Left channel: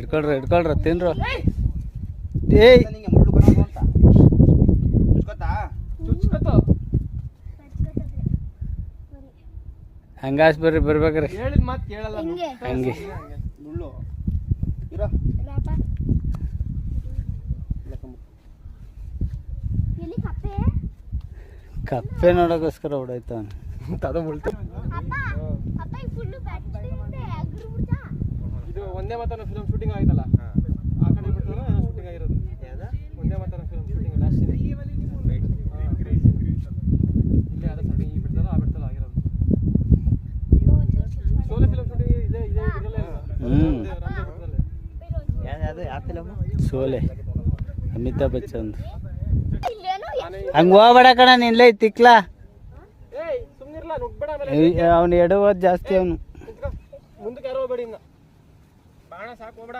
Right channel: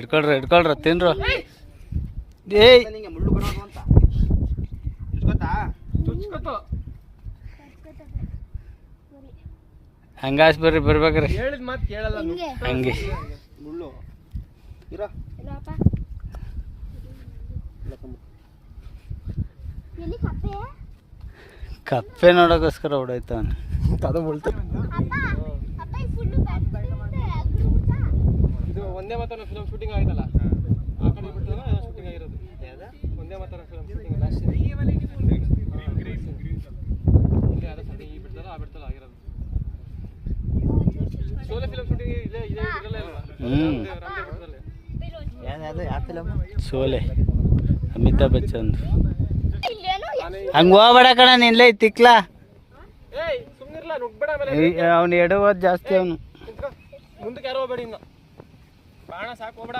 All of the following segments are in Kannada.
ಇಟ್ಕೊಳ್ರ ತಿನ್ರು. ಏಯ್ ಹಂಗಾಸ್ ಬರ್ರಿ ಬರ್ಬೇಕ್ರಿ ಹಂಗೆ ಕಪ್ಪೆ ನೋಡೋಕ್ಕೋಸ್ಕರ ಹೊಡೋಯ್ತವನ್. ಇದು ಒಂದೇ ಮಾತನ ಫಿಲಮ್ ಶೂಟಿಂಗ್ ಆಯ್ತಲ್ಲ, ಆ ಕಡೆ ಬಿಟ್ಟರೆ ಶೂಟಿಂಗ್ ಆಗಿರೋದು. ಒಂದೇ ಮಾತನ ಫಿಲಮ್ ಶೂಟಿಂಗ್ ಲಾಸ್ಟ್ ಇಲ್ಲೇ ಅದ ಸಣ್ಣ ಈ ಬಿಡ್ತಲ್ಲ ಆ ಬಿಡ್ತಲ್ಲ ಆಗಿರೋದು. ಶೋಲೆ ಫಿಲಮ್ ಶೂಟಿಂಗ್ ಇಲ್ಲೇ ಇರಲ್ಲ. ಶೋಲೆ ಅಮಿತಾಬ್ ಬಚ್ಚನ್. ಹಂಗ ಹೋಗ್ಬೇಡ ಕಣ ನಿನ್ಲೆ ತಿಕ್ಲಾ. ಅವನು ಎಡವೋದು ಜಾಸ್ತಿ. ಅವನು ಮುಂದಕ್ಕೆ ಯಾರೋ ಹೋಗ್ಬೇಡಿ, ಇನ್ನ ಬಾಣ ಸಾಕು ಹೋಗ್ಬೇಡ.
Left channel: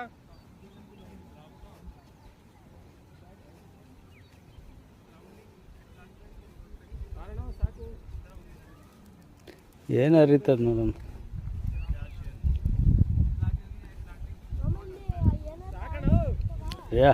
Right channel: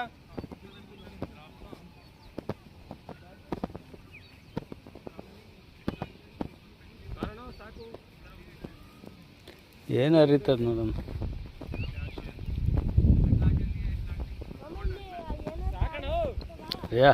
ಏನು ಅರಿತದ ನೋಡೋಣ. ಯಾ